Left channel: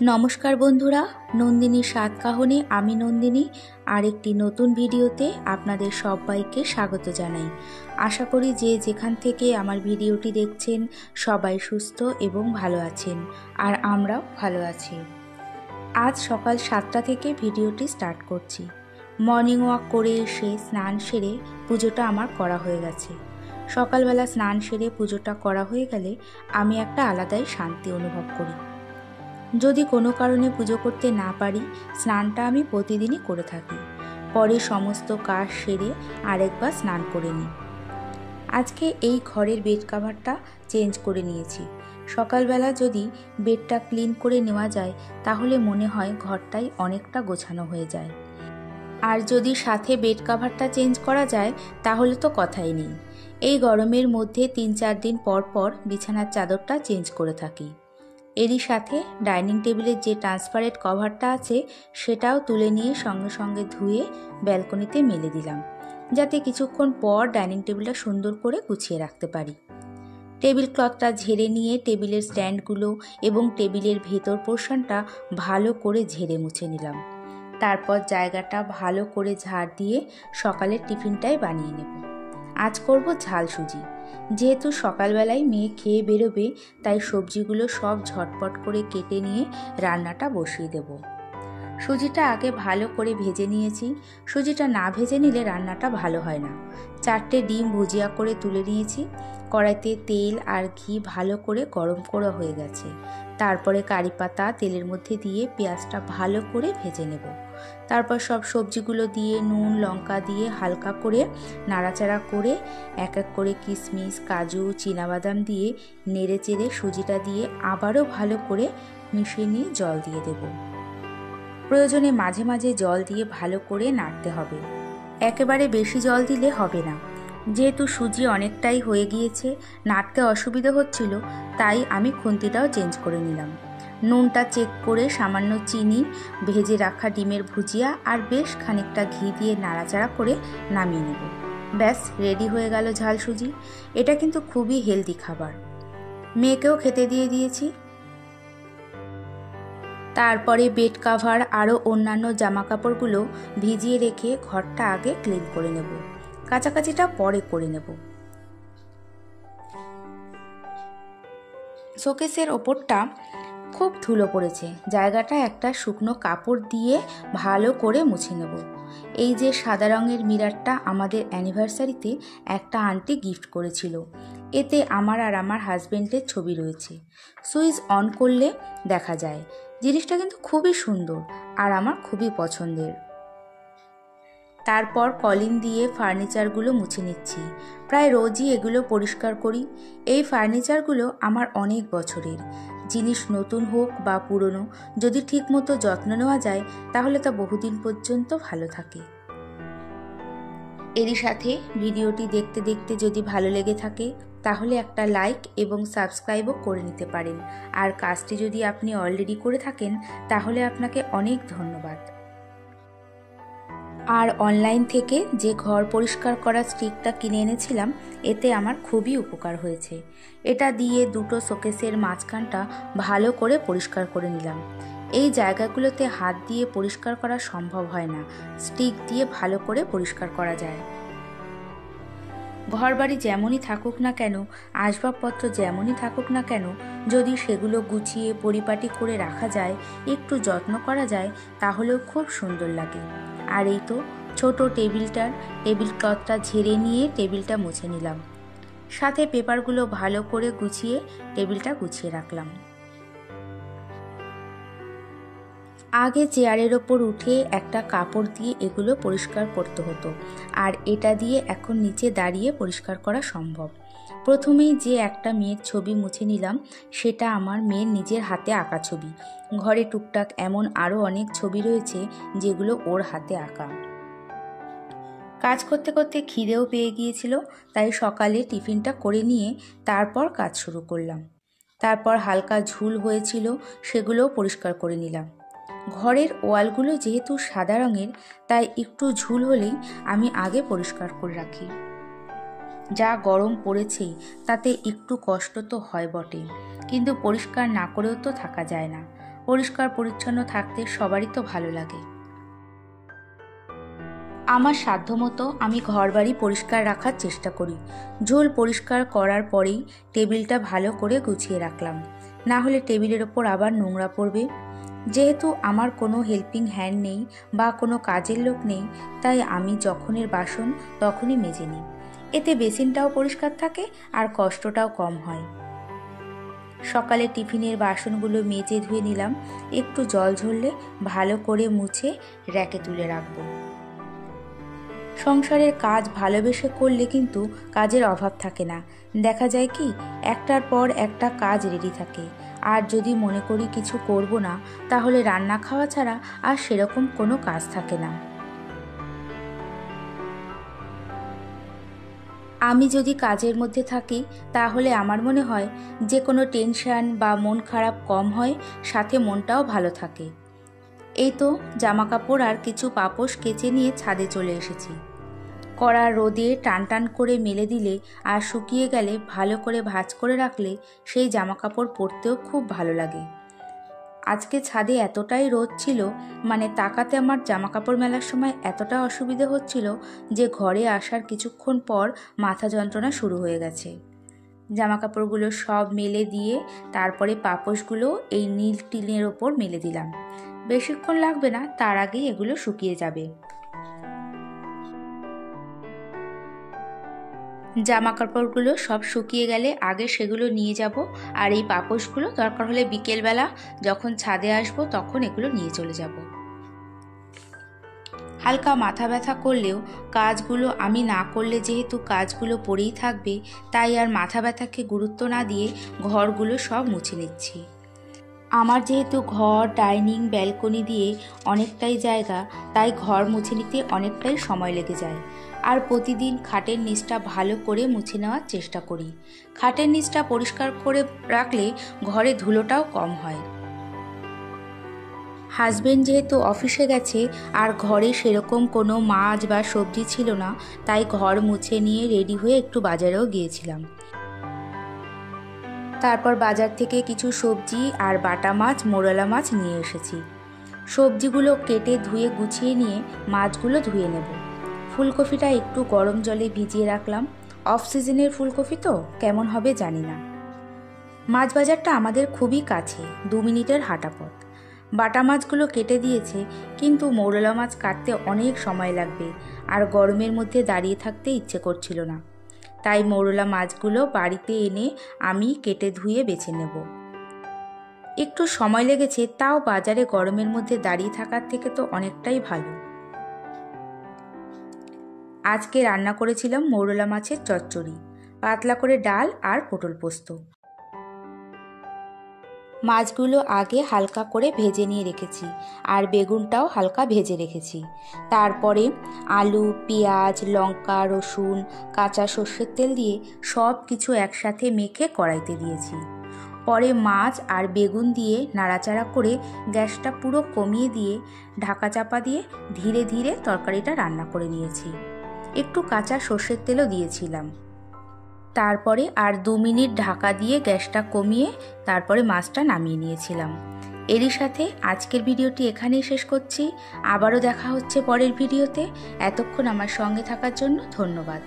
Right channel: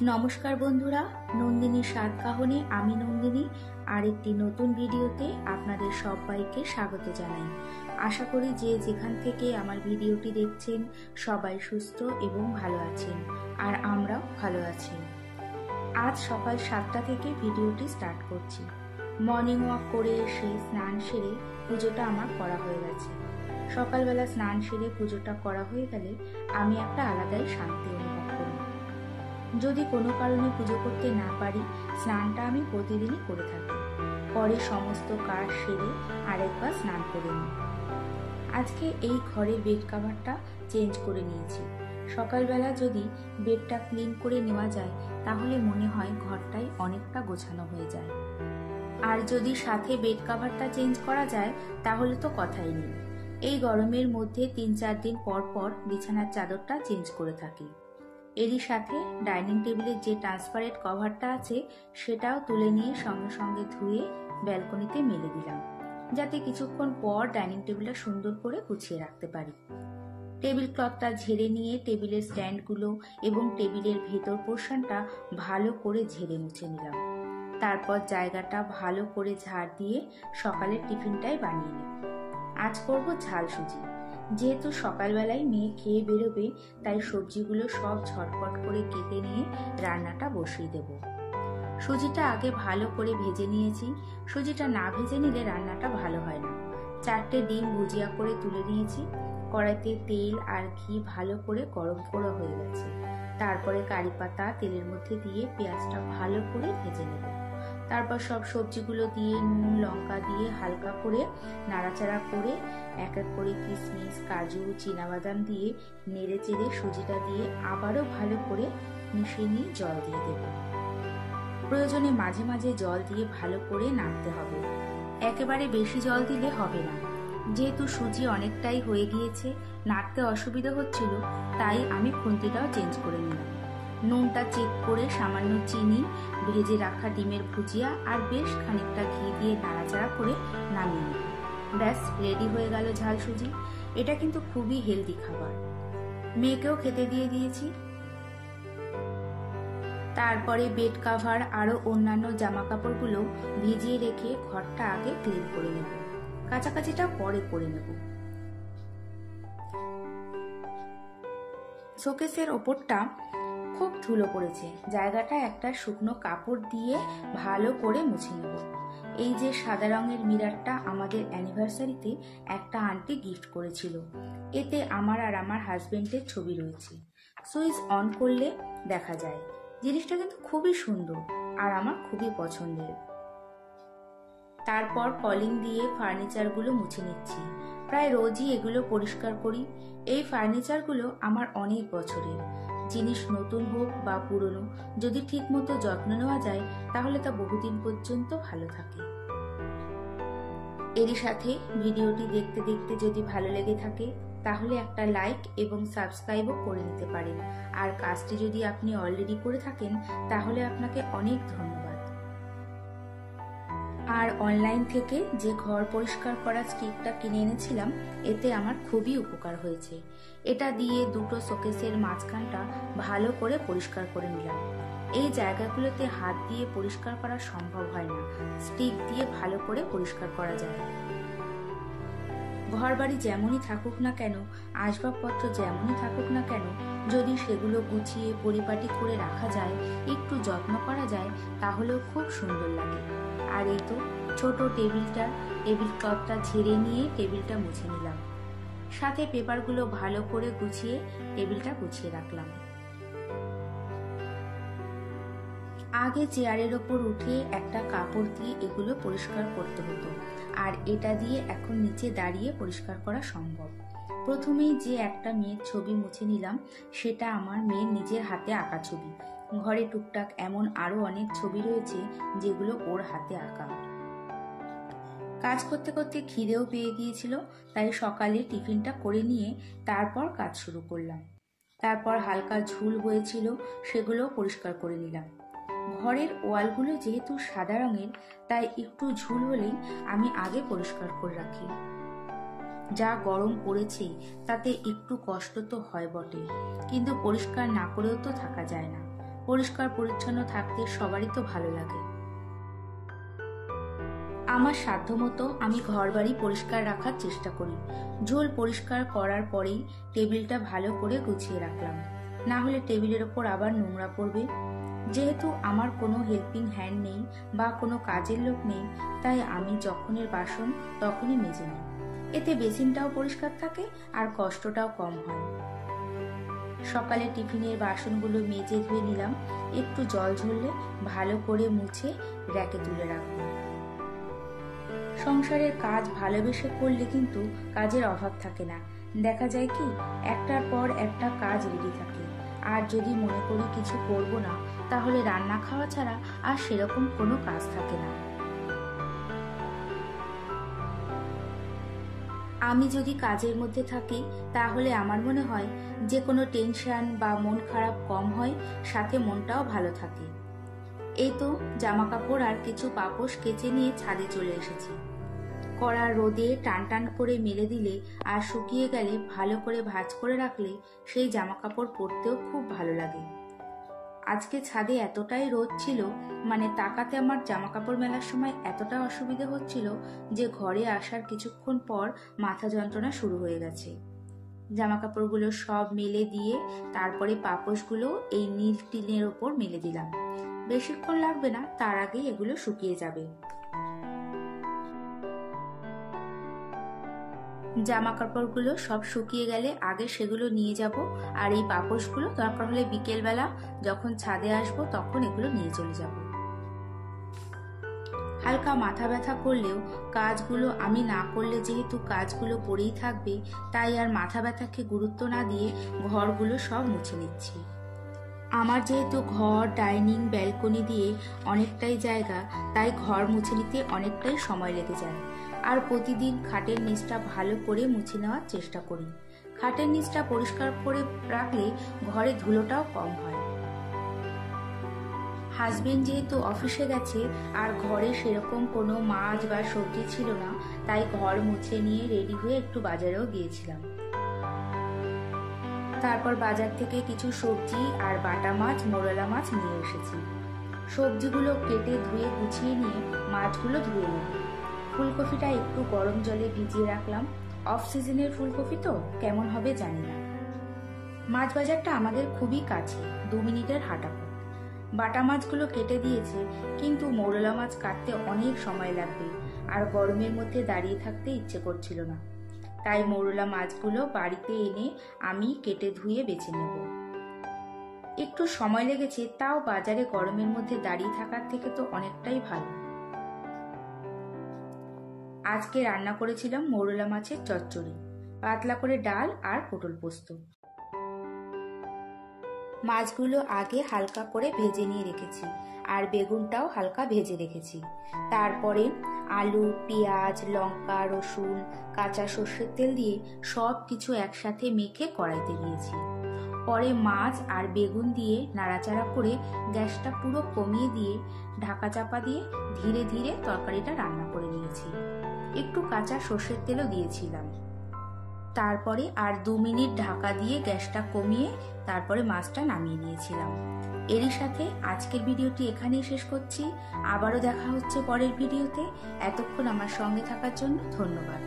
নমস্কার বন্ধুরা, নন্দিনী সাত কাহনে আমি নন্দিনী আরেকটি নতুন ভিডিওতে আপনাদের সবাইকে স্বাগত জানাই। আশা করি যে যেখান থেকে আমার ভিডিওটি দেখছেন সবাই সুস্থ এবং ভালো আছেন, আর আমরাও ভালো আছি। আজ সকাল 7টা থেকে ভিডিওটি স্টার্ট করছি। মর্নিং ওয়াক করে এসে স্নান সেরে পুজোটা আমার করা হয়ে গেছে। সকালবেলা স্নান সেরে পুজোটা করা হয়ে গেলে আমি একটা আলাদাই শান্তি অনুভব করি। যদি কোনো কারণে পুজো করতে না পারি, স্নানটা আমি প্রতিদিনই করে থাকি। পরে সমস্ত কাজ সেরে আরেকবার স্নান করে নিই। আজকে এই ঘরের বেড কভারটা চেঞ্জ করে নিয়েছি। সকালবেলা যদি বেডটা ক্লিন করে নেওয়া যায় তাহলে মনে হয় ঘরটাই অনেকটা গোছানো হয়ে যায়। আর যদি সাথে বেড কভারটা চেঞ্জ করা যায় তাহলে তো কথাই নেই। এই গরমের মধ্যে 3-4 দিন পর পর বিছানার চাদরটা চেঞ্জ করে থাকি। এরই সাথে ডাইনিং টেবিলের যে ট্রান্সপারেন্ট কভারটা আছে সেটাও তুলে নিয়ে সঙ্গে সঙ্গে ধুয়ে ব্যালকনিতে মেলে দিলাম, যাতে কিছুক্ষণ পর ডাইনিং টেবিলটা সুন্দর করে গুছিয়ে রাখতে পারি। টেবিল ক্লথটা ঝেড়ে নিয়ে টেবিলের স্ট্যান্ডগুলো এবং টেবিলের ভেতর পোর্শনটা ভালো করে ঝেড়ে মুছে নিলাম। তারপর জায়গাটা ভালো করে ঝাড় দিয়ে সকালের টিফিনটাই বানিয়ে নেব। আজ করব ঝাল সুজি। যেহেতু সকালবেলায় মেয়ে খেয়ে বেরোবে, তাই সবজিগুলো সব ঝটপট করে কেটে নিয়ে রান্নাটা বসিয়ে দেব। সুজিটা আগে ভালো করে ভেজে নিয়েছি। সুজিটা না ভেজে নিলে রান্নাটা ভালো হয় না। 4টে ডিম ভুজিয়া করে তুলে নিয়েছি। কড়াইতে তেল আর ঘি ভালো করে গরম করা হয়ে গেছে। তারপরে কারি পাতা তেলের মধ্যে দিয়ে পেঁয়াজটা ভালো করে ভেজে নেব। তারপর সব সবজিগুলো দিয়ে নুন লঙ্কা দিয়ে হালকা করে নাড়াচাড়া করে এক এক করে কিশমিশ কাজু চীনাবাদাম দিয়ে নেড়ে চেড়ে সুজিটা দিয়ে আবারও ভালো করে মিশিয়ে নিয়ে জল দিয়ে দেব। প্রয়োজনে মাঝে মাঝে জল দিয়ে ভালো করে নাড়তে হবে। একেবারে বেশি জল দিলে হবে না। যেহেতু সুজি অনেকটাই হয়ে গিয়েছে, নাড়তে অসুবিধা হচ্ছিল, তাই আমি খুন্তিটাও চেঞ্জ করে নিলাম। নুনটা চেক করে সামান্য চিনি, ভেজে রাখা ডিমের ভুজিয়া আর বেশ খানিকটা ঘি দিয়ে নাড়াচাড়া করে নামিয়ে নেব। ব্যাস রেডি হয়ে গেল ঝাল সুজি। এটা কিন্তু খুবই হেলদি খাবার। মেয়েকেও খেতে দিয়ে দিয়েছি। তারপরে বেড কাভার আরও অন্যান্য জামা কাপড়গুলো ভিজিয়ে রেখে ঘরটা আগে ক্লিন করে নেব। কাচাকাচিটা পরে করে নেব। শোকেসের ওপরটা খুব ধুলো পড়েছে, জায়গাটা একটা শুকনো কাপড় দিয়ে ভালো করে মুছে নেব। এই যে সাদা রঙের মিররটা আমাদের অ্যানিভার্সারিতে একটা আন্টি গিফট করেছিল। এতে আমার আর আমার হাজবেন্ডের ছবি রয়েছে। সুইচ অন করলে দেখা যায়। জিনিসটা কিন্তু খুবই সুন্দর আর আমার খুবই পছন্দের। তারপর কলিং দিয়ে ফার্নিচারগুলো মুছে নিচ্ছি। প্রায় রোজই এগুলো পরিষ্কার করি। এই ফার্নিচারগুলো আমার অনেক বছরের। জিনিস নতুন হোক বা পুরনো, যদি ঠিকমতো যত্ন নেওয়া যায় তাহলে তা বহুদিন পর্যন্ত ভালো থাকে। এরই সাথে ভিডিওটি দেখতে দেখতে যদি ভালো লেগে থাকে তাহলে একটা লাইক এবং সাবস্ক্রাইবও করে নিতে পারেন। আর কাজটি যদি আপনি অলরেডি করে থাকেন তাহলে আপনাকে অনেক ধন্যবাদ। আর অনলাইন থেকে যে ঘর পরিষ্কার করার স্টিকটা কিনে এনেছিলাম, এতে আমার খুবই উপকার হয়েছে। এটা দিয়ে দুটো শোকেসের মাঝখানটা ভালো করে পরিষ্কার করে নিলাম। এই জায়গাগুলোতে হাত দিয়ে পরিষ্কার করা সম্ভব হয় না, স্টিক দিয়ে ভালো করে পরিষ্কার করা যায়। ঘরবাড়ি যেমনই থাকুক না কেন, আসবাবপত্র যেমনই থাকুক না কেন, যদি সেগুলো গুছিয়ে পরিপাটি করে রাখা যায়, একটু যত্ন করা যায়, তাহলেও খুব সুন্দর লাগে। আর এই তো ছোট টেবিল ক্লথটা ঝেড়ে নিয়ে টেবিলটা মুছে নিলাম। সাথে পেপারগুলো ভালো করে গুছিয়ে টেবিলটা গুছিয়ে রাখলাম। আগে চেয়ারের ওপর উঠে একটা কাপড় দিয়ে এগুলো পরিষ্কার করতে হতো, আর এটা দিয়ে এখন নিচে দাঁড়িয়ে পরিষ্কার করা সম্ভব। প্রথমেই যে একটা মেয়ের ছবি মুছে নিলাম, সেটা আমার মেয়ের নিজের হাতে আঁকা ছবি। ঘরে টুকটাক এমন আরও অনেক ছবি রয়েছে যেগুলো ওর হাতে আঁকা। কাজ করতে করতে খিদেও পেয়ে গিয়েছিল, তাই সকালে টিফিনটা করে নিয়ে তারপর কাজ শুরু করলাম। তারপর হালকা ঝুল হয়েছিল, সেগুলোও পরিষ্কার করে নিলাম। ঘরের ওয়ালগুলো যেহেতু সাদা রঙের, তাই একটু ঝুল হলেই আমি আগে পরিষ্কার করে রাখি। যা গরম পড়েছে তাতে একটু কষ্ট তো হয় বটে, কিন্তু পরিষ্কার না করেও তো থাকা যায় না। পরিষ্কার পরিচ্ছন্ন থাকতে সবারই তো ভালো লাগে। আমার সাধ্যমতো আমি ঘরবাড়ি পরিষ্কার রাখার চেষ্টা করি। ঝোল পরিষ্কার করার পরেই টেবিলটা ভালো করে গুছিয়ে রাখলাম, না হলে টেবিলের ওপর আবার নোংরা পড়বে। যেহেতু আমার কোনো হেল্পিং হ্যান্ড নেই বা কোনো কাজের লোক নেই, তাই আমি যখনের বাসন তখনই মেজে নিই। এতে বেসিনটাও পরিষ্কার থাকে আর কষ্টটাও কম হয়। সকালে টিফিনের বাসনগুলো মেজে ধুয়ে নিলাম, একটু জল ঝরলে ভালো করে মুছে র্যাকে তুলে রাখবো। সংসারের কাজ ভালোবেসে করলে কিন্তু কাজের অভাব থাকে না। দেখা যায় কি, একটার পর একটা কাজ রেডি থাকে। আর যদি মনে করি কিছু করব না, তাহলে রান্না খাওয়া ছাড়া আর সেরকম কোনো কাজ থাকে না। আমি যদি কাজের মধ্যে থাকি, তাহলে আমার মনে হয় যে কোনো টেনশন বা মন খারাপ কম হয়, সাথে মনটাও ভালো থাকে। এই তো জামাকাপড় আর কিছু পাপোশ কেচে নিয়ে ছাদে চলে এসেছি। কড়া রোদে টান টান করে মেলে দিলে আর শুকিয়ে গেলে ভালো করে ভাঁজ করে রাখলে সেই জামাকাপড় পরতেও খুব ভালো লাগে। আজকে ছাদে এতটাই রোদ ছিল, মানে তাকাতে আমার জামাকাপড় মেলার সময় এতটা অসুবিধে হচ্ছিল যে ঘরে আসার কিছুক্ষণ পর মাথা যন্ত্রণা শুরু হয়ে গেছে। জামাকাপড়গুলো সব মেলে দিয়ে তারপরে পাপোশগুলো এই নীল টিনের ওপর মেলে দিলাম। বেশিক্ষণ লাগবে না, তার আগেই এগুলো শুকিয়ে যাবে। জামা কাপড়গুলো সব শুকিয়ে গেলে আগে সেগুলো নিয়ে যাব, আর এই পাপোশগুলো দরকার হলে বিকেলবেলা যখন ছাদে আসবো তখন এগুলো নিয়ে চলে যাব। হালকা মাথা ব্যথা করলেও কাজগুলো আমি না করলে যেহেতু কাজগুলো পড়েই থাকবে, তাই আর মাথা ব্যথাকে গুরুত্ব না দিয়ে ঘরগুলো সব মুছে নিচ্ছি। আমার যেহেতু ঘর, ডাইনিং, ব্যালকনি দিয়ে অনেকটাই জায়গা, তাই ঘর মুছে নিতে অনেকটাই সময় লেগে যায়। আর প্রতিদিন খাটের নিচটা ভালো করে মুছে নেওয়ার চেষ্টা করি। খাটের নিচটা পরিষ্কার করে রাখলে ঘরে ধুলোটাও কম হয়। হাজবেন্ড যেহেতু অফিসে গেছে আর ঘরে সেরকম কোনো মাছ বা সবজি ছিল না, তাই ঘর মুছে নিয়ে রেডি হয়ে একটু বাজারেও গিয়েছিলাম। তারপর বাজার থেকে কিছু সবজি আর বাটা মাছ, মোরলা মাছ নিয়ে এসেছি। সবজিগুলো কেটে ধুয়ে গুছিয়ে নিয়ে মাছগুলো ধুয়ে নেব। ফুলকপিটা একটু গরম জলে ভিজিয়ে রাখলাম। অফ সিজনের ফুলকপি তো কেমন হবে জানি না। মাছ বাজারটা আমাদের খুবই কাছে, 2 মিনিটের হাঁটা পথ। বাটা মাছগুলো কেটে দিয়েছে, কিন্তু মৌরলা মাছ কাটতে অনেক সময় লাগবে আর গরমের মধ্যে দাঁড়িয়ে থাকতে ইচ্ছে করছিল না। তাই মৌরলা মাছগুলো বাড়িতে এনে আমি কেটে ধুয়ে বেছে নেব। একটু সময় লেগেছে, তাও বাজারে গরমের মধ্যে দাঁড়িয়ে থাকার থেকে তো অনেকটাই ভালো। আজকে রান্না করেছিলাম মৌরলা মাছের চচ্চড়ি, পাতলা করে ডাল আর পটল পোস্ত। মাছগুলো আগে হালকা করে ভেজে নিয়ে রেখেছি আর বেগুনটাও হালকা ভেজে রেখেছি। তারপরে আলু, পেঁয়াজ, লঙ্কা, রসুন, কাঁচা সর্ষের তেল দিয়ে সব কিছু একসাথে মেখে কড়াইতে দিয়েছি। পরে মাছ আর বেগুন দিয়ে নাড়াচাড়া করে গ্যাসটা পুরো কমিয়ে দিয়ে ঢাকা চাপা দিয়ে ধীরে ধীরে তরকারিটা রান্না করে নিয়েছি। একটু কাঁচা সর্ষের তেলও দিয়েছিলাম। তারপরে আর 2 মিনিট ঢাকা দিয়ে গ্যাসটা কমিয়ে তারপরে মাছটা নামিয়ে নিয়েছিলাম। এরই সাথে আজকের ভিডিওটি এখানেই শেষ করছি। আবারও দেখা হচ্ছে পরের ভিডিওতে। এতক্ষণ আমার সঙ্গে থাকার জন্য ধন্যবাদ।